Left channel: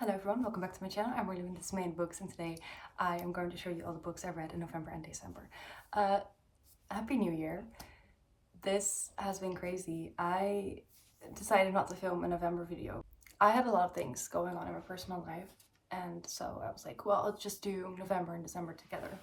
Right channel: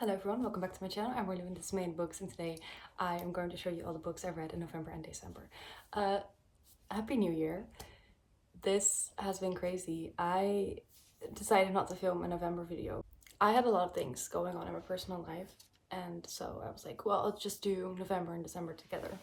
Hello everyone, welcome back to my channel. I'm really into main books, and today I am going to show you all the books I read in November and December. Happy New Year. This has been crazy. I decided not to film a November video. I had a lot of things going on in my personal life, and so I was like, well, I'll just do November and December together.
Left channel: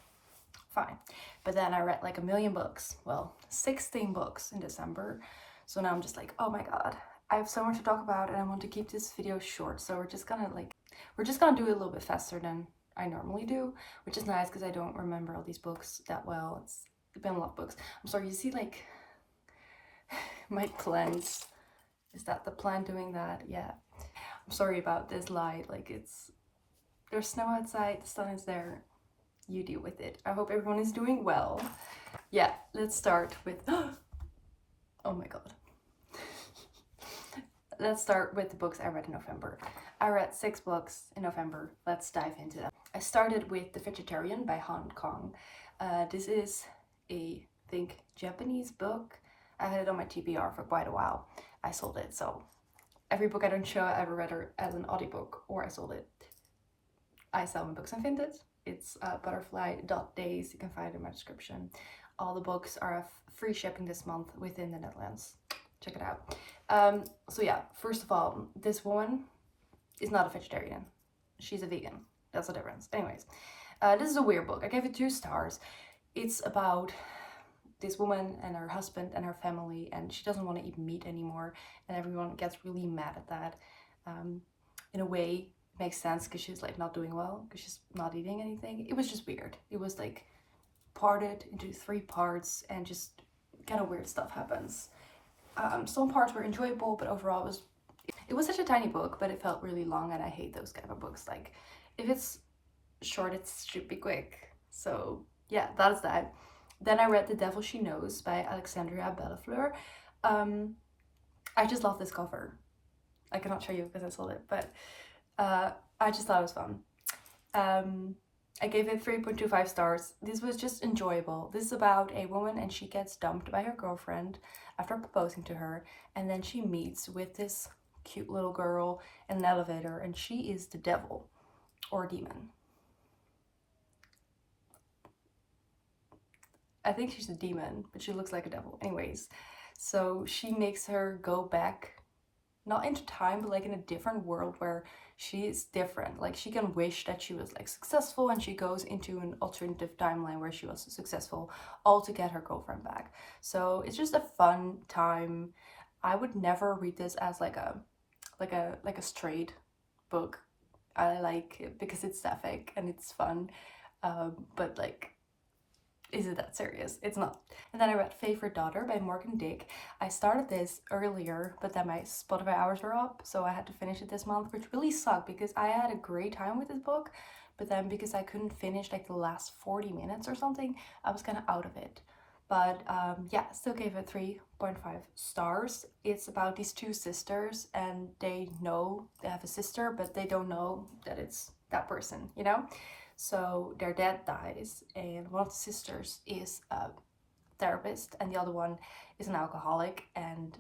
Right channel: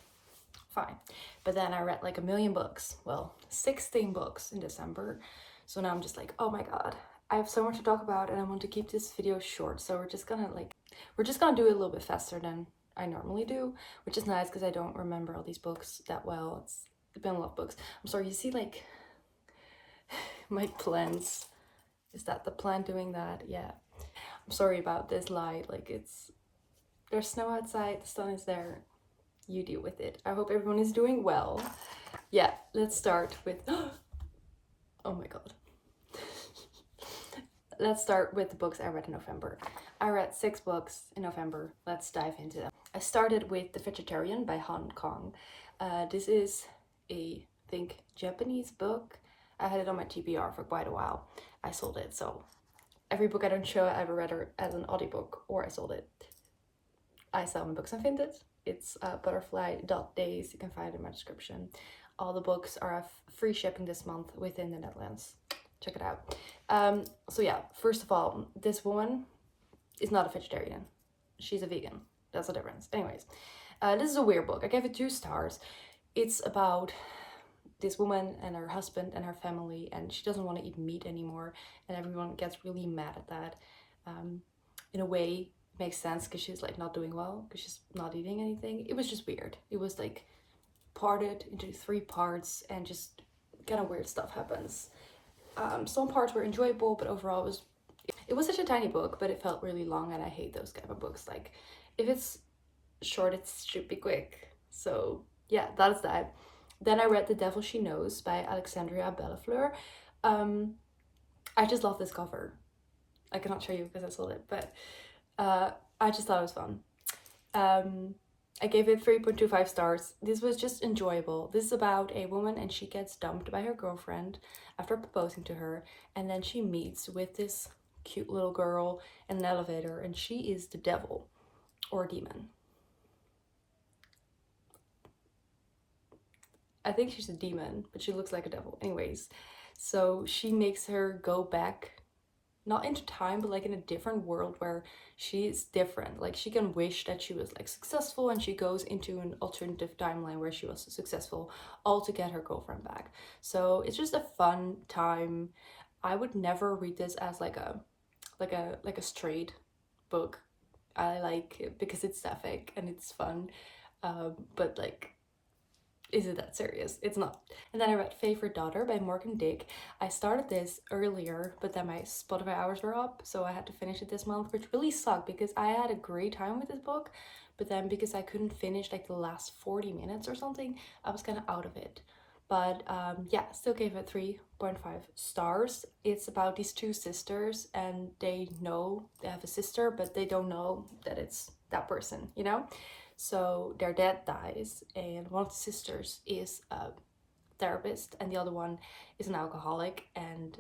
Fine. But then I read like a million books. Well, 16 books in December. So now I'm just like, oh my god, I have so much to talk about and I want to keep this video short. So we're just gonna do it a little bit faster than I normally do, which is nice because I don't remember all these books that well. It's been a lot of books. I'm sorry, you see like my plants. Is that the plant doing that? Yeah. I'm sorry about this light. Like there's snow outside, the sun is there. You deal with it. I hope everyone is doing well. Yeah, let's start with oh my god. Let's start with the books I read in November. I read 6 books in November. Let's dive into them. I started with The Vegetarian by Han Kong. This is a, I think, Japanese book. I had it on my TBR for quite a while. I sold it, so every book I don't show I ever read as an audiobook, or I sold it. I sell my books on Vinted. It's butterfly.days. You can find it in my description. All the books are free shipping this month within the Netherlands. Check it out. So yeah, first of all, this woman is not a vegetarian. She's a vegan. That's the difference. Anyways, this is a weird book. I gave it 2 stars. It's about this woman and her husband and her family, and she doesn't want to eat meat anymore, and everyone gets really mad at that. In a way, it makes sense because she's like not doing well because she's not eating anything. It was just weird. It was like parted into 3 parts, and just kind of weird stuff happens. Some parts were enjoyable, but overall it was such a tiny book, but it felt really long, and I hate those kind of books. Like, if it's short, it should be quick. So yeah, that's that. Then I read The Devil She Knows by Alexandria Bellafleur. I just love this cover. I cannot show you because I sold it, but I just thought it was fun. I gave it 3.25 stars. This was just enjoyable. This is about a woman, and she gets dumped by her girlfriend after proposing to her, and then she meets with this cute little girl in an elevator, and she is the devil or demon. I think she's a demon, but she looks like a devil. Anyways, so she makes her go back, not into time, but like in a different world where she's different. Like, she can wish that she was like successful, and she goes into an alternative timeline where she was successful, all to get her girlfriend back. So it's just a fun time. I would never read this as like a straight book. I like it because it's sapphic and it's fun, but like, is it that serious? It's not. And then I read Favorite Daughter by Morgan Dick. I started this earlier, but then my Spotify hours were up, so I had to finish it this month, which really sucked because I had a great time with this book, but then because I couldn't finish like the last 40 minutes or something, I was kind of out of it. But yeah, still gave it 3.5 stars. It's about these 2 sisters, and they know they have a sister, but they don't know that it's that person, you know? So their dad dies, and one of the sisters is a therapist, and the other one is an alcoholic. And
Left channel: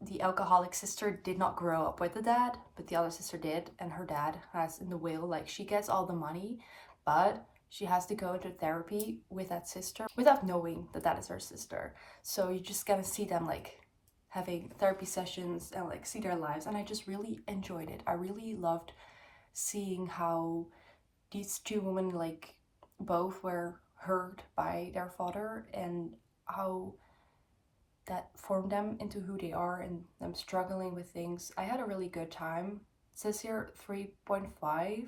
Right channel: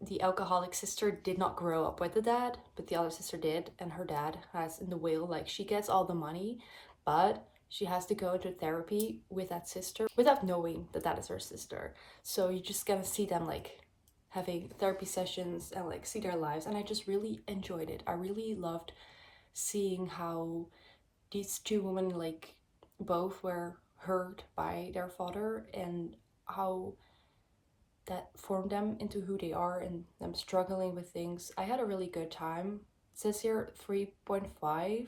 the alcoholic sister did not grow up with the dad, but the other sister did, and her dad has in the will, like, she gets all the money, but she has to go into therapy with that sister without knowing that that is her sister. So you just gonna see them like having therapy sessions and like see their lives, and I just really enjoyed it. I really loved seeing how these 2 women like both were hurt by their father, and how that formed them into who they are, and them struggling with things. I had a really good time. It says here 3.5,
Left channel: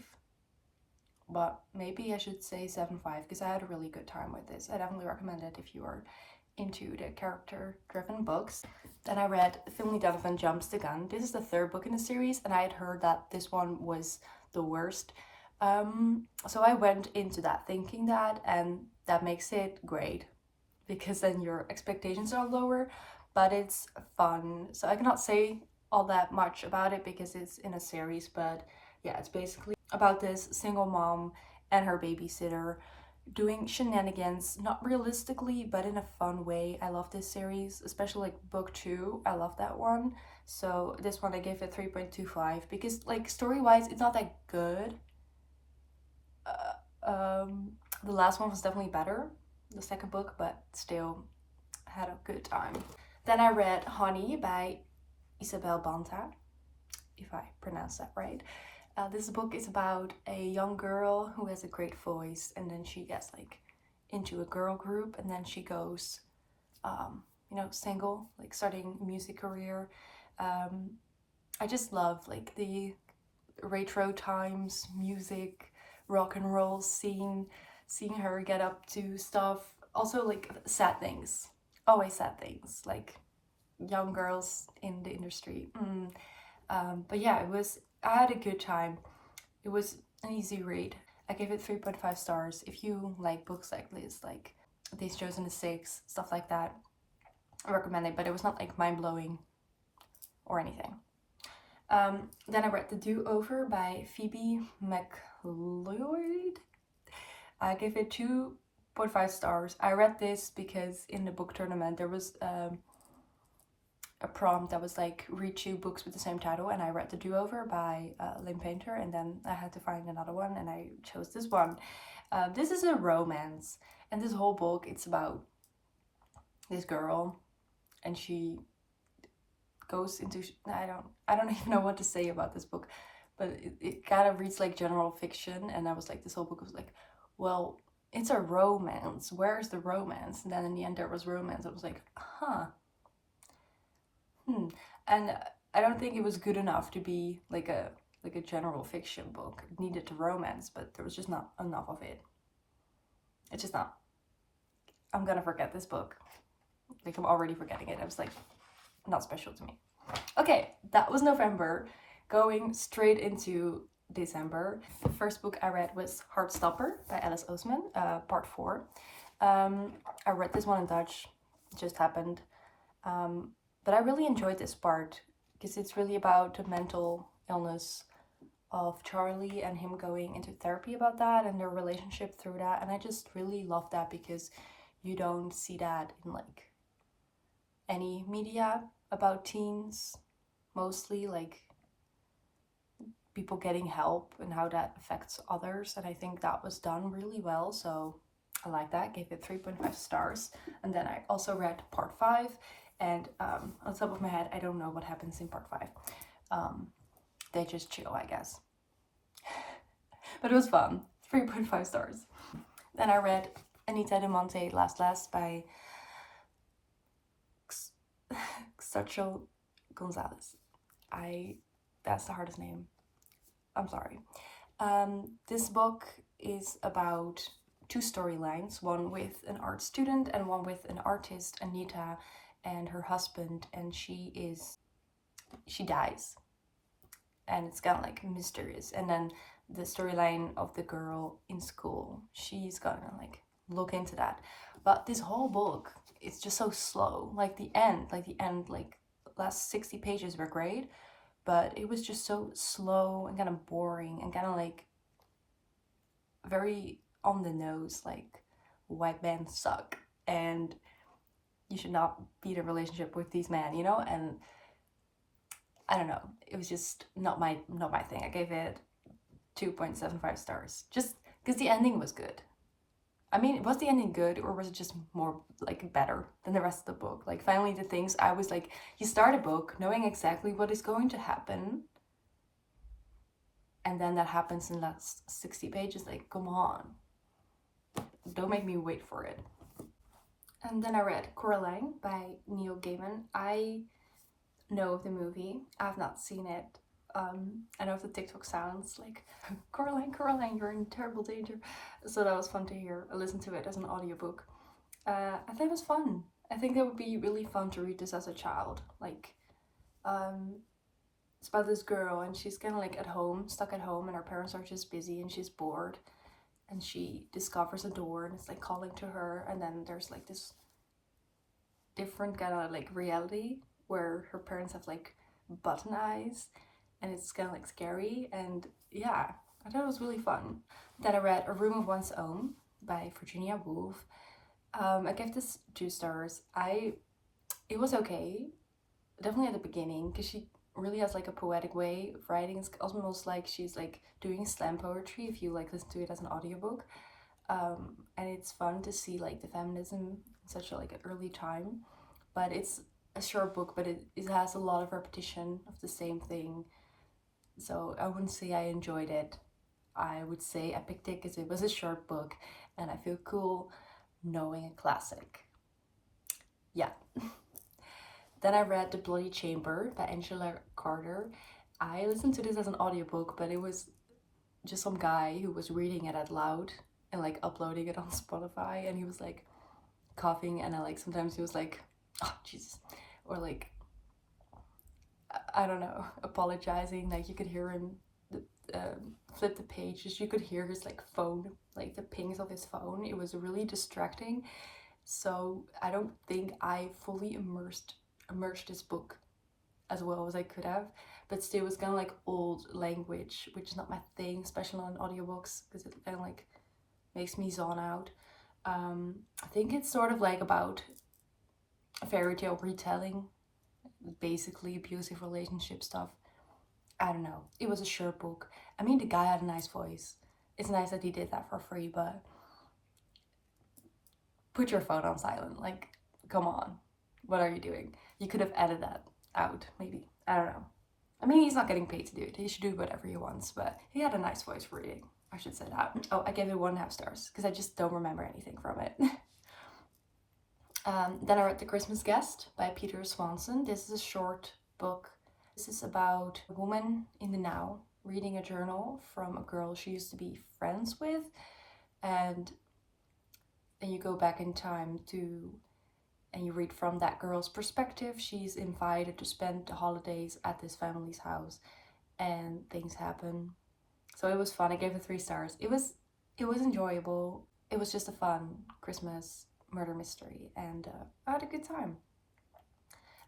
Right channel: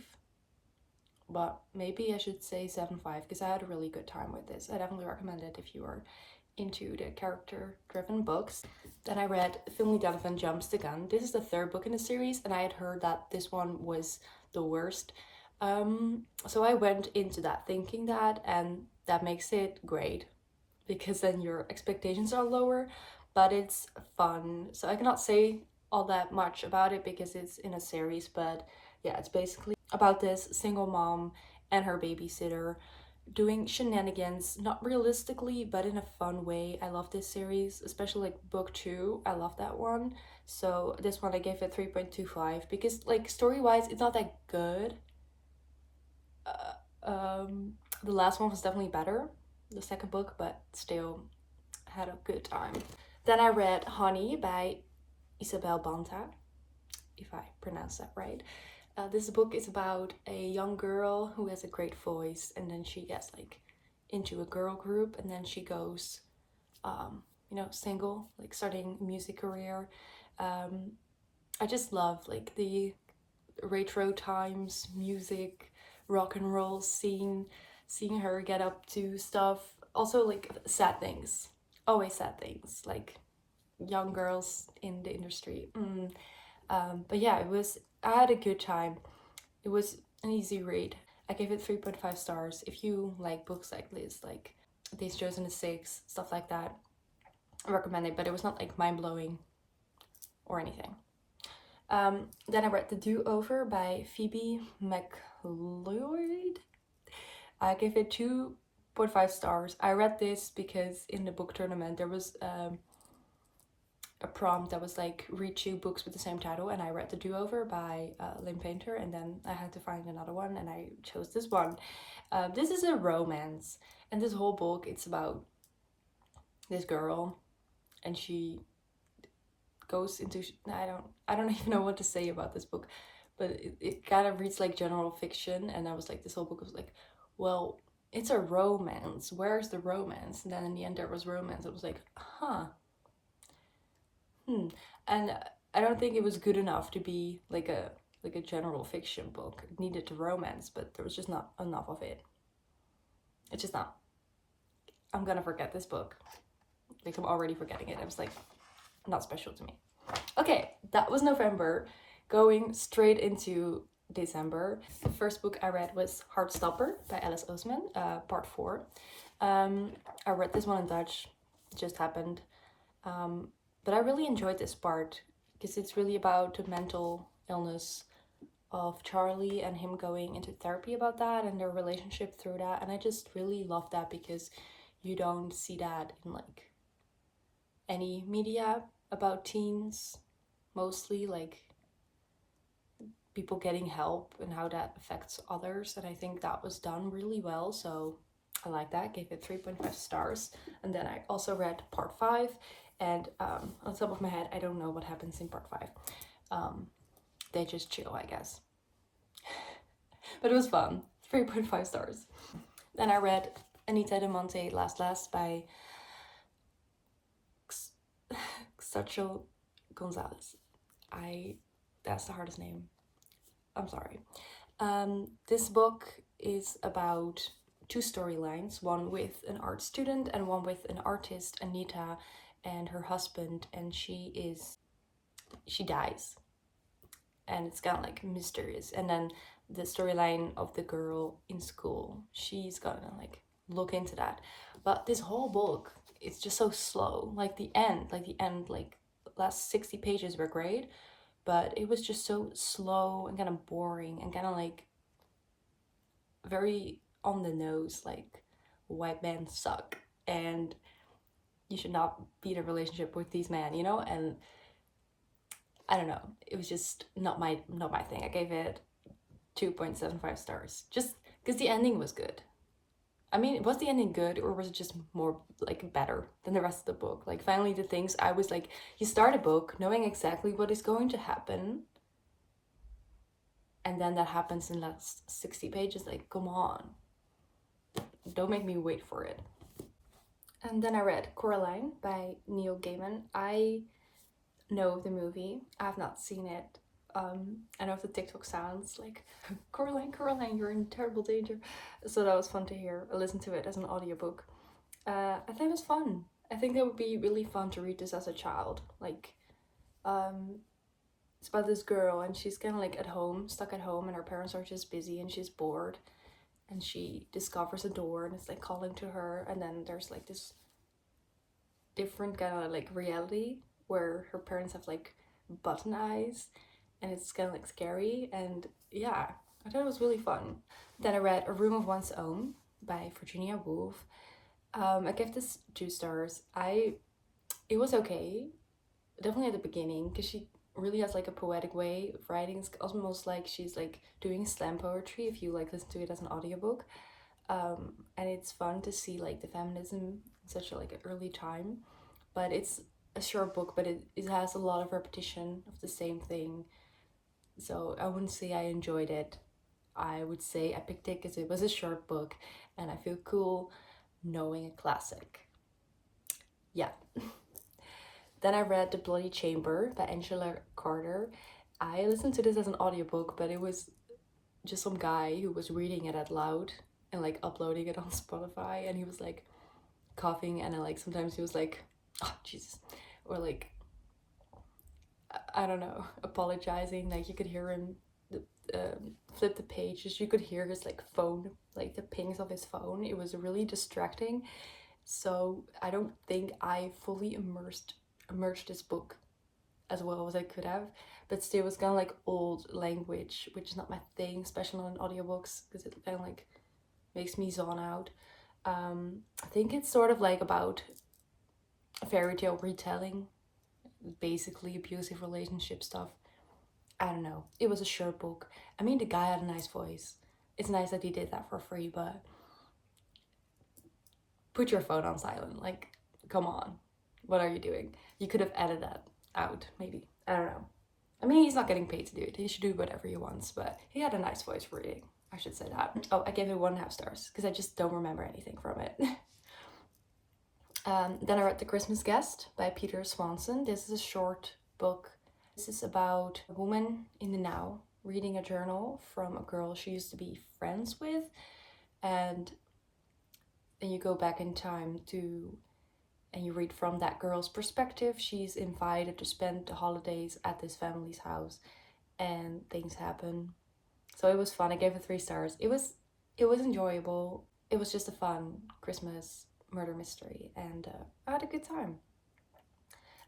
but maybe I should say 7.5 because I had a really good time with this. I definitely recommend it if you are into the character-driven books. Then I read Finley Donovan Jumps the Gun. This is the 3rd book in the series, and I had heard that this one was the worst. So I went into that thinking that, and that makes it great because then your expectations are lower, but it's fun. So I cannot say all that much about it because it's in a series, but yeah, it's basically about this single mom and her babysitter doing shenanigans, not realistically, but in a fun way. I love this series, especially like book 2. I love that one. So this one I gave it 3.25 because like story-wise it's not that good. The last one was definitely better, the second book, but still had a good time. Then I read Honey by Isabel Banta, if I pronounce that right. This book is about a young girl who has a great voice, and then she gets like into a girl group, and then she goes, single, like starting a music career. I just love like the retro times music, rock and roll scene, seeing her get up to stuff. Also like sad things, always sad things, like young girls in the industry. But yeah, I had a good time. It was an easy read. I gave it 3.5 stars. If you like books like this, like These Chosen the Six, stuff like that, I recommend it, but it was not like mind blowing or anything. Then I read The Do Over by Phoebe McLeod. I gave it 2.5 stars. I read this because in the book tournament there was a prompt that was like read 2 books with the same title, and I read The Do Over by Lynn Painter, and then I had to find another one, and I chose this one. This is a romance, and this whole book it's about this girl, and she goes into I don't even know what to say about this book, but it kind of reads like general fiction, and I was like, this whole book was like, well, it's a romance, where's the romance? And then in the end there was romance. I was like, and I don't think it was good enough to be like a general fiction book. It needed the romance, but there was just not enough of it. It's just not. I'm gonna forget this book. Like, I'm already forgetting it. I was like, not special to me. Okay, that was November. Going straight into December. The first book I read was Heartstopper by Alice Oseman, part 4. I read this one in Dutch. It just happened. But I really enjoyed this part because it's really about the mental illness of Charlie and him going into therapy about that and their relationship through that. And I just really love that because you don't see that in like any media about teens, mostly like people getting help and how that affects others. And I think that was done really well. So I like that. Gave it 3.5 stars. And then I also read part 5. And on top of my head, I don't know what happens in part 5. They just chill, I guess. But it was fun. 3.5 stars. Then I read Anita de Monte Last by Xachel Gonzalez. That's the hardest name. I'm sorry. This book is about 2 storylines, one with an art student and one with an artist, Anita, and her husband, and she dies. And it's kind of like mysterious. And then the storyline of the girl in school, she's gonna like look into that. But this whole book, it's just so slow. Like the end, last 60 pages were great, but it was just so slow and kind of boring and kind of like very on the nose, like white men suck and you should not be in a relationship with these men, and I don't know, it was just not my thing. I gave it 2.75 stars just because the ending was good. I mean, was the ending good, or was it just more like better than the rest of the book? Like finally the things I was like, you start a book knowing exactly what is going to happen, and then that happens in the last 60 pages. Like, come on, don't make me wait for it. And then I read Coraline by Neil Gaiman. I know of the movie. I've not seen it. I know of the TikTok sounds like Coraline, you're in terrible danger. So that was fun to hear. I listened to it as an audiobook. I thought it was fun. I think that would be really fun to read this as a child. Like, it's about this girl and she's kind of like stuck at home, and her parents are just busy and she's bored. And she discovers a door and it's like calling to her, and then there's like this different kind of like reality where her parents have like button eyes, and it's kind of like scary. And yeah, I thought it was really fun. Then I read A Room of One's Own by Virginia Woolf. I gave this 2 stars. It was okay. definitely at the beginning, because she really has like a poetic way of writing. It's almost like she's like doing slam poetry if you like listen to it as an audiobook. And it's fun to see like the feminism in such a like an early time. But it's a short book, but it has a lot of repetition of the same thing. So I wouldn't say I enjoyed it. I would say I picked it because it was a short book and I feel cool knowing a classic. Yeah. Then I read The Bloody Chamber by Angela Carter. I listened to this as an audiobook, but it was just some guy who was reading it out loud and like uploading it on Spotify, and he was like coughing, and I like sometimes he was like, oh Jesus, or like I don't know, apologizing. Like you could hear him flip the pages. You could hear his like phone, like the pings of his phone. It was really distracting. So I don't think I fully immersed this book as well as I could have. But still, it was kind of like old language, which is not my thing, especially on audiobooks, because it kind of like makes me zone out. I think it's sort of like about a fairy tale retelling, basically abusive relationship stuff. I don't know. It was a short book. I mean, the guy had a nice voice. It's nice that he did that for free, but put your phone on silent. Like, come on. What are you doing? You could have edited that out, maybe. I don't know. I mean, he's not getting paid to do it. He should do whatever he wants, but he had a nice voice for reading. I should say that. Oh, I gave it 1.5 stars because I just don't remember anything from it. Then I read The Christmas Guest by Peter Swanson. This is a short book. This is about a woman in the now reading a journal from a girl she used to be friends with, and then you go back in time to and you read from that girl's perspective. She's invited to spend the holidays at this family's house and things happen. So it was fun. I gave it 3 stars. It was enjoyable. It was just a fun Christmas murder mystery, and I had a good time.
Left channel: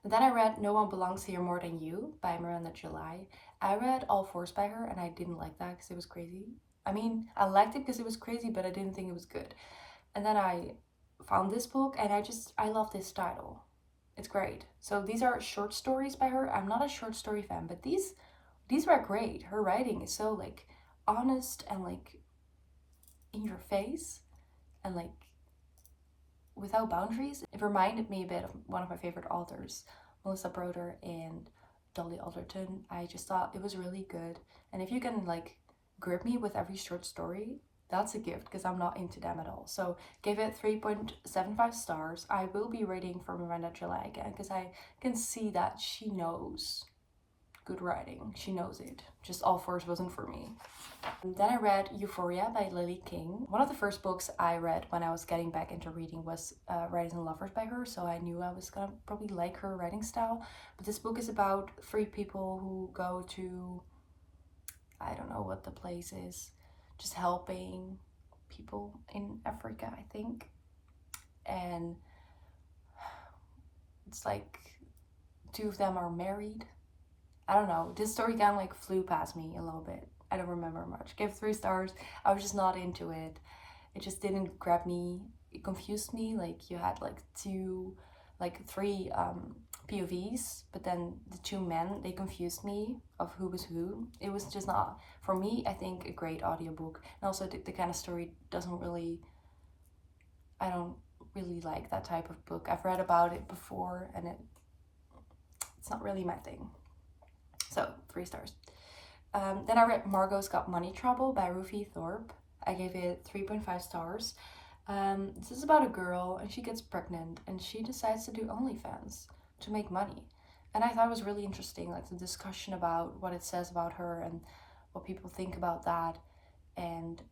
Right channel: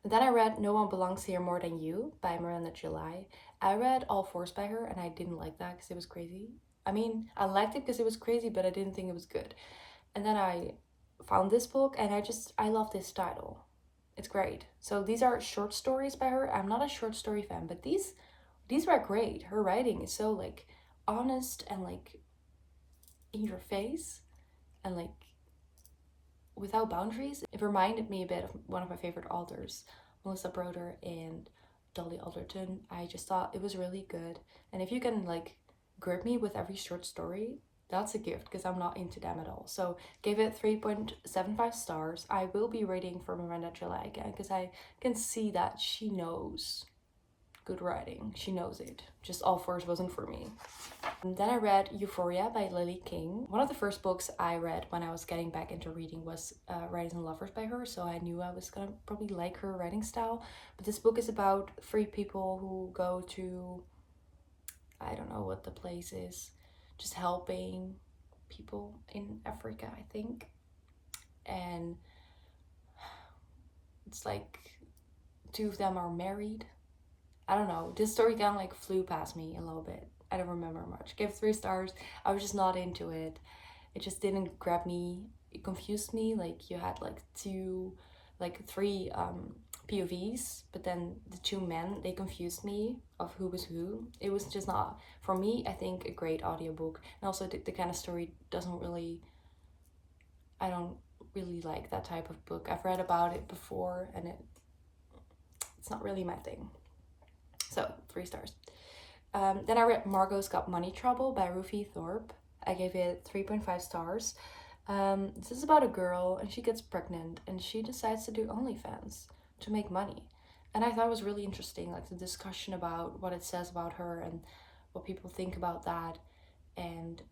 And then I read No One Belongs Here More Than You by Miranda July. I read All Fours by her, and I didn't like that because it was crazy. I mean, I liked it because it was crazy, but I didn't think it was good. And then I found this book, and I love this title. It's great. So these are short stories by her. I'm not a short story fan, but these were great. Her writing is so like honest and like in your face and like without boundaries. It reminded me a bit of one of my favorite authors, Melissa Broder and Dolly Alderton. I just thought it was really good. And if you can like grip me with every short story, that's a gift because I'm not into them at all. So gave it 3.75 stars. I will be reading for Miranda July again because I can see that she knows good writing. She knows it. Just All Fours wasn't for me. And then I read Euphoria by Lily King. One of the first books I read when I was getting back into reading was Writers and Lovers by her, so I knew I was gonna probably like her writing style. But this book is about 3 people who go to, I don't know what the place is, just helping people in Africa, I think. And it's like 2 of them are married. I don't know. This story kind of like flew past me a little bit. I don't remember much. Gave 3 stars. I was just not into it. It just didn't grab me. It confused me. Like you had like 3 POVs, but then the 2 men, they confused me of who was who. It was just not, for me, I think a great audiobook. And also the kind of story doesn't really, I don't really like that type of book. I've read about it before and it's not really my thing. So 3 stars. Then I read Margot's Got Money Trouble by Ruthie Thorpe. I gave it 3.5 stars. This is about a girl and she gets pregnant and she decides to do OnlyFans to make money. And I thought it was really interesting, like the discussion about what it says about her and what people think about that. And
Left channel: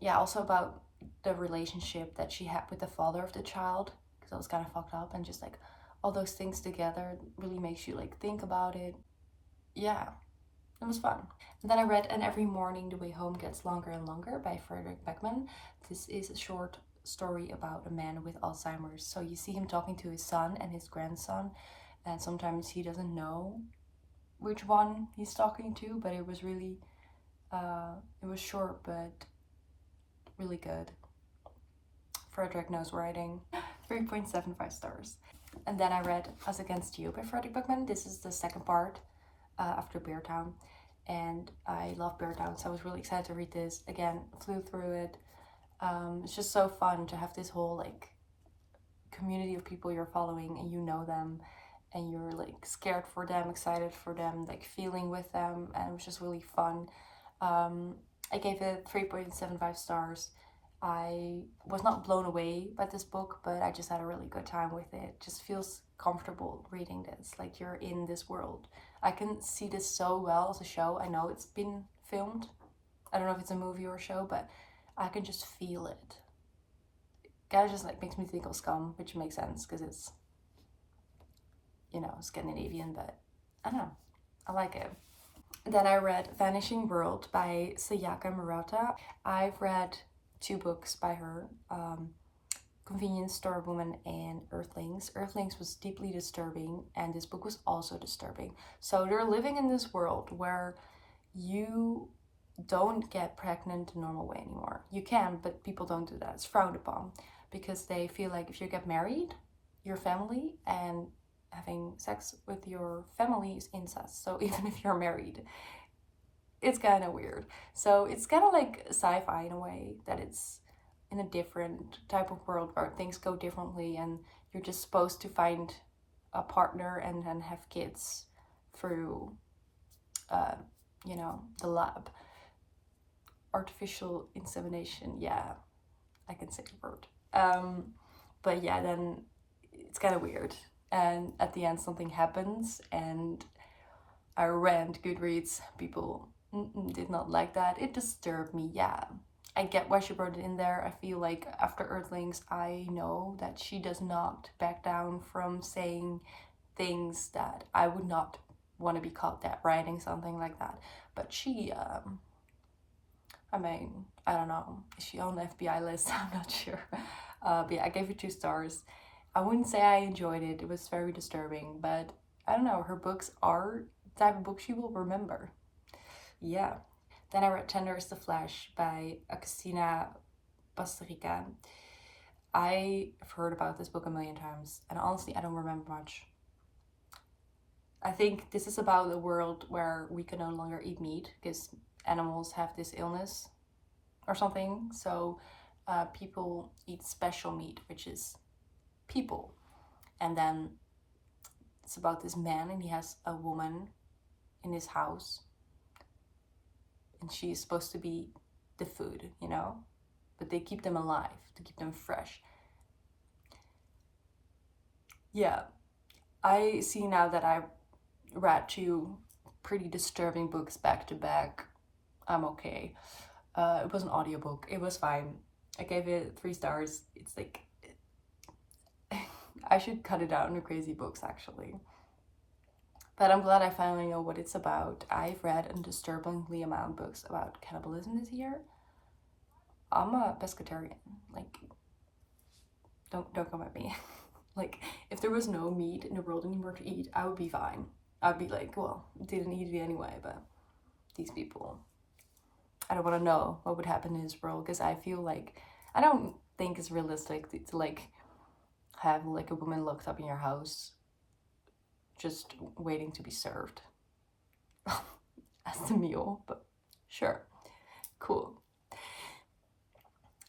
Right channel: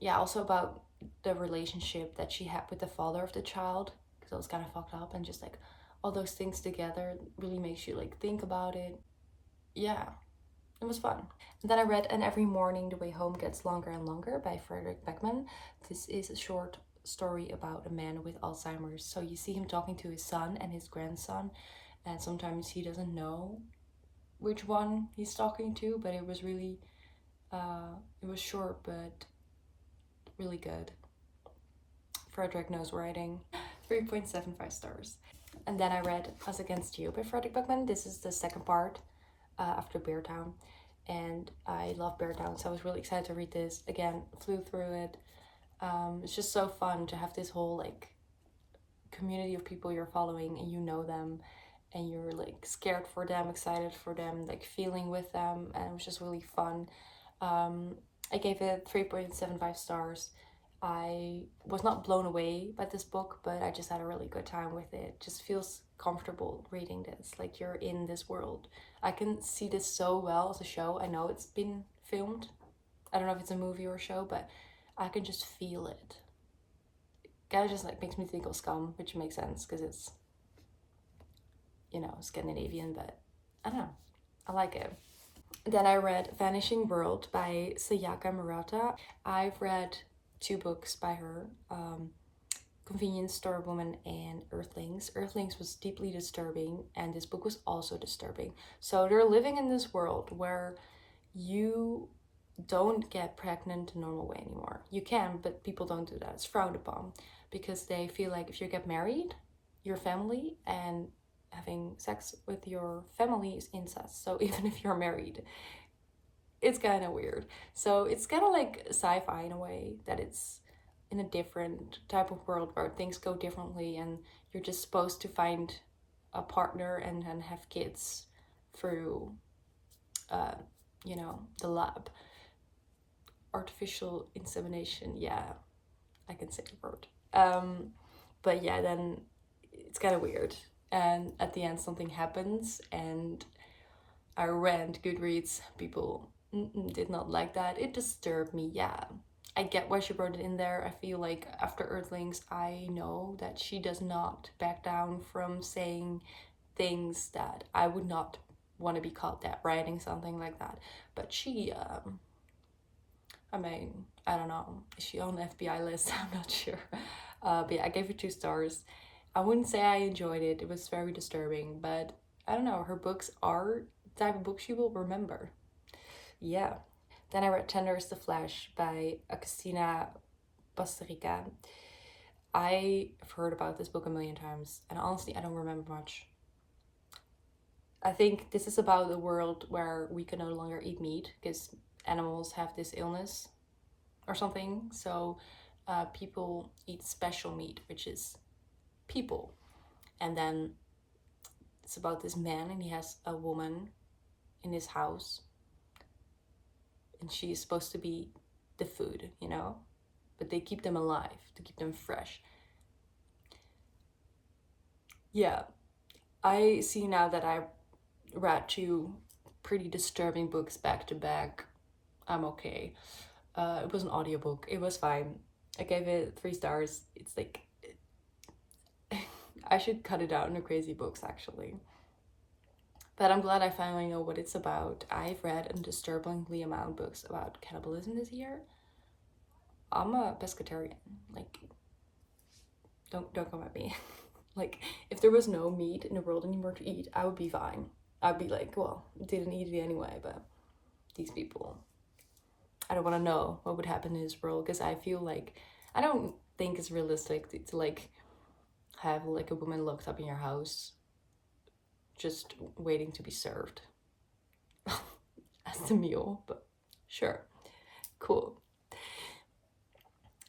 yeah, also about the relationship that she had with the father of the child, because it was kind of fucked up, and just like all those things together really makes you like think about it. Yeah, it was fun. And then I read And Every Morning the Way Home Gets Longer and Longer by Frederick Beckman. This is a short story about a man with Alzheimer's. So you see him talking to his son and his grandson, and sometimes he doesn't know which one he's talking to, but it was really, it was short but really good. Frederick knows writing. 3.75 stars. And then I read Us Against You by Frederick Buckman. This is the second part after Bear Town. And I love Bear Town, so I was really excited to read this. Again, flew through it. It's just so fun to have this whole like community of people you're following and you know them and you're like scared for them, excited for them, like feeling with them, and it was just really fun. I gave it 3.75 stars. I was not blown away by this book, but I just had a really good time with it. Just feels comfortable reading this, like you're in this world. I can see this so well as a show. I know it's been filmed. I don't know if it's a movie or a show, but I can just feel it. Kind of just like makes me think of Scum, which makes sense because it's, you know, Scandinavian, but I don't know. I like it. Then I read Vanishing World by Sayaka Murata. I've read 2 books by her, Convenience Store Woman and Earthlings. Earthlings was deeply disturbing, and this book was also disturbing. So they're living in this world where you don't get pregnant the normal way anymore. You can, but people don't do that. It's frowned upon because they feel like if you get married, your family, and having sex with your family is incest. So even if you're married, it's kind of weird. So it's kind of like sci-fi in a way that it's in a different type of world where things go differently and you're just supposed to find a partner and then have kids through you know, the lab. Artificial insemination, yeah, I can say the word. But yeah, then it's kind of weird. And at the end, something happens, and I read Goodreads. People did not like that. It disturbed me, yeah. I get why she wrote it in there. I feel like after Earthlings, I know that she does not back down from saying things that I would not want to be called that, writing something like that. But she, I mean, I don't know. Is she on the FBI list? I'm not sure. But yeah, I gave it 2 stars. I wouldn't say I enjoyed it. It was very disturbing, but I don't know. Her books are the type of books you will remember. Yeah. Then I read Tender is the Flesh by Agustina Basterica. I've heard about this book a million times, and honestly, I don't remember much. I think this is about a world where we can no longer eat meat because animals have this illness or something. So people eat special meat, which is people. And then it's about this man, and he has a woman in his house, and she's supposed to be the food, you know? But they keep them alive to keep them fresh. Yeah, I see now that I read 2 pretty disturbing books back to back. I'm okay. It was an audiobook. It was fine. I gave it 3 stars. It's like I should cut it out into crazy books actually. But I'm glad I finally know what it's about. I've read a disturbingly amount of books about cannibalism this year. I'm a pescatarian. Like, don't come at me. Like, if there was no meat in the world anymore to eat, I would be fine. I'd be like, well, didn't eat it anyway, but these people, I don't want to know what would happen in this world because I feel like I don't think it's realistic to like have like a woman locked up in your house just waiting to be served as the meal, but sure, cool.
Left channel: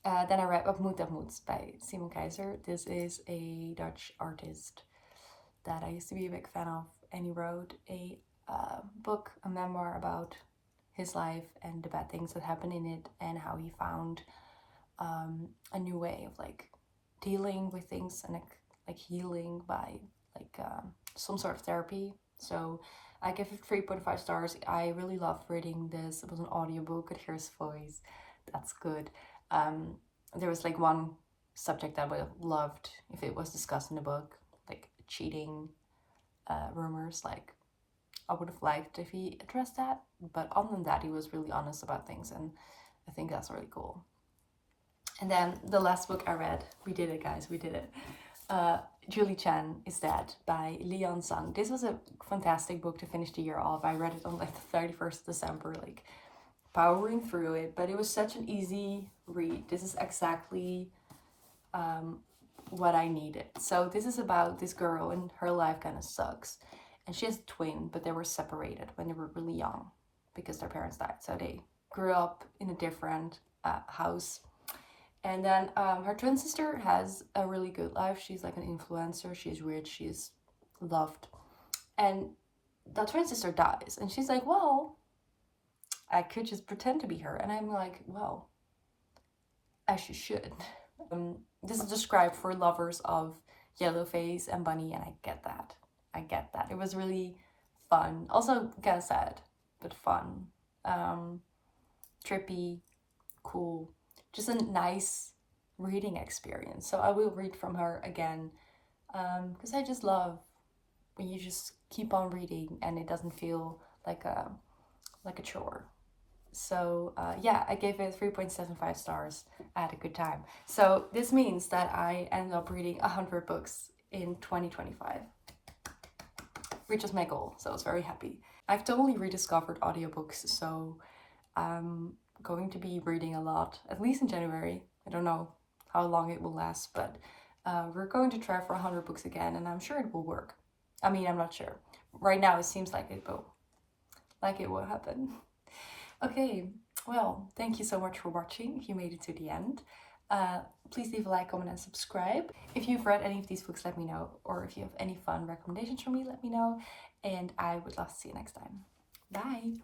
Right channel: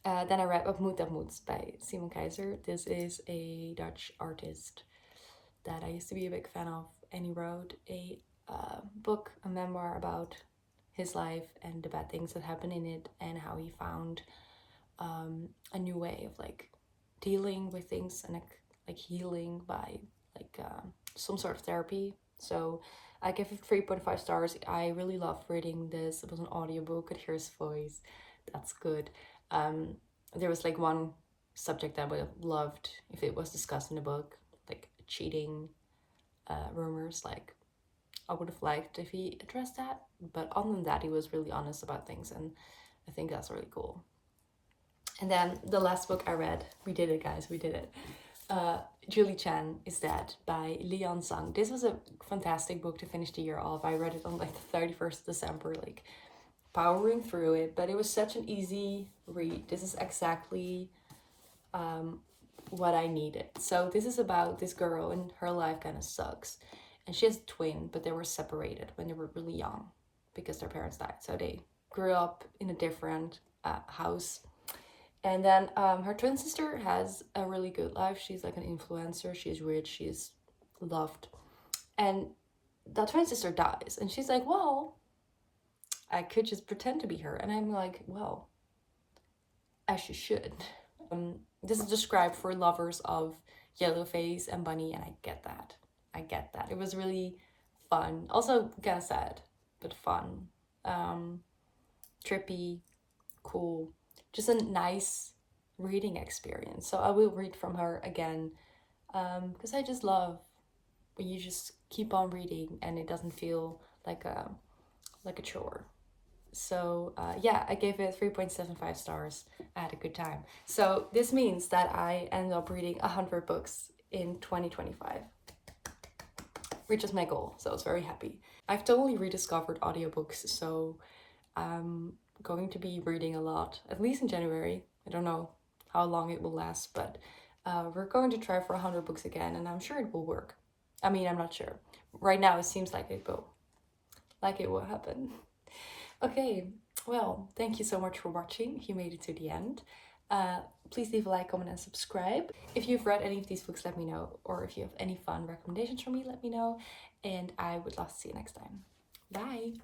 Then I read Op Moet Dat Moet by Simon Keizer. This is a Dutch artist that I used to be a big fan of, and he wrote a book, a memoir about his life and the bad things that happened in it, and how he found a new way of like dealing with things and like healing by like some sort of therapy. So I give it 3.5 stars. I really loved reading this. It was an audiobook. I could hear his voice. That's good. There was like one subject that I would have loved if it was discussed in the book, like cheating rumors. Like I would have liked if he addressed that. But other than that, he was really honest about things, and I think that's really cool. And then the last book I read, we did it, guys, we did it. Julie Chan is Dead by Leon Sung. This was a fantastic book to finish the year off. I read it on like the 31st of December, like powering through it, but it was such an easy read. This is exactly what I needed. So this is about this girl and her life kind of sucks. And she has a twin, but they were separated when they were really young because their parents died. So they grew up in a different house. And then her twin sister has a really good life. She's like an influencer. She's rich. She's loved. And that twin sister dies. And she's like, well, I could just pretend to be her. And I'm like, well, as you should. This is described for lovers of Yellowface and Bunny, and I get that. I get that. It was really fun. Also kind of sad, but fun. Trippy, cool. Just a nice reading experience. So I will read from her again because I just love when you just keep on reading and it doesn't feel like a chore. So yeah, I gave it 3.75 stars. I had a good time. So this means that I ended up reading 100 books in 2025, which is my goal. So I was very happy. I've totally rediscovered audiobooks, so I'm going to be reading a lot, at least in January. I don't know how long it will last, but we're going to try for 100 books again, and I'm sure it will work. I mean, I'm not sure. Right now, it seems like it will happen. Okay, well, thank you so much for watching. If you made it to the end, please leave a like, comment, and subscribe. If you've read any of these books, let me know. Or if you have any fun recommendations for me, let me know. And I would love to see you next time. Bye!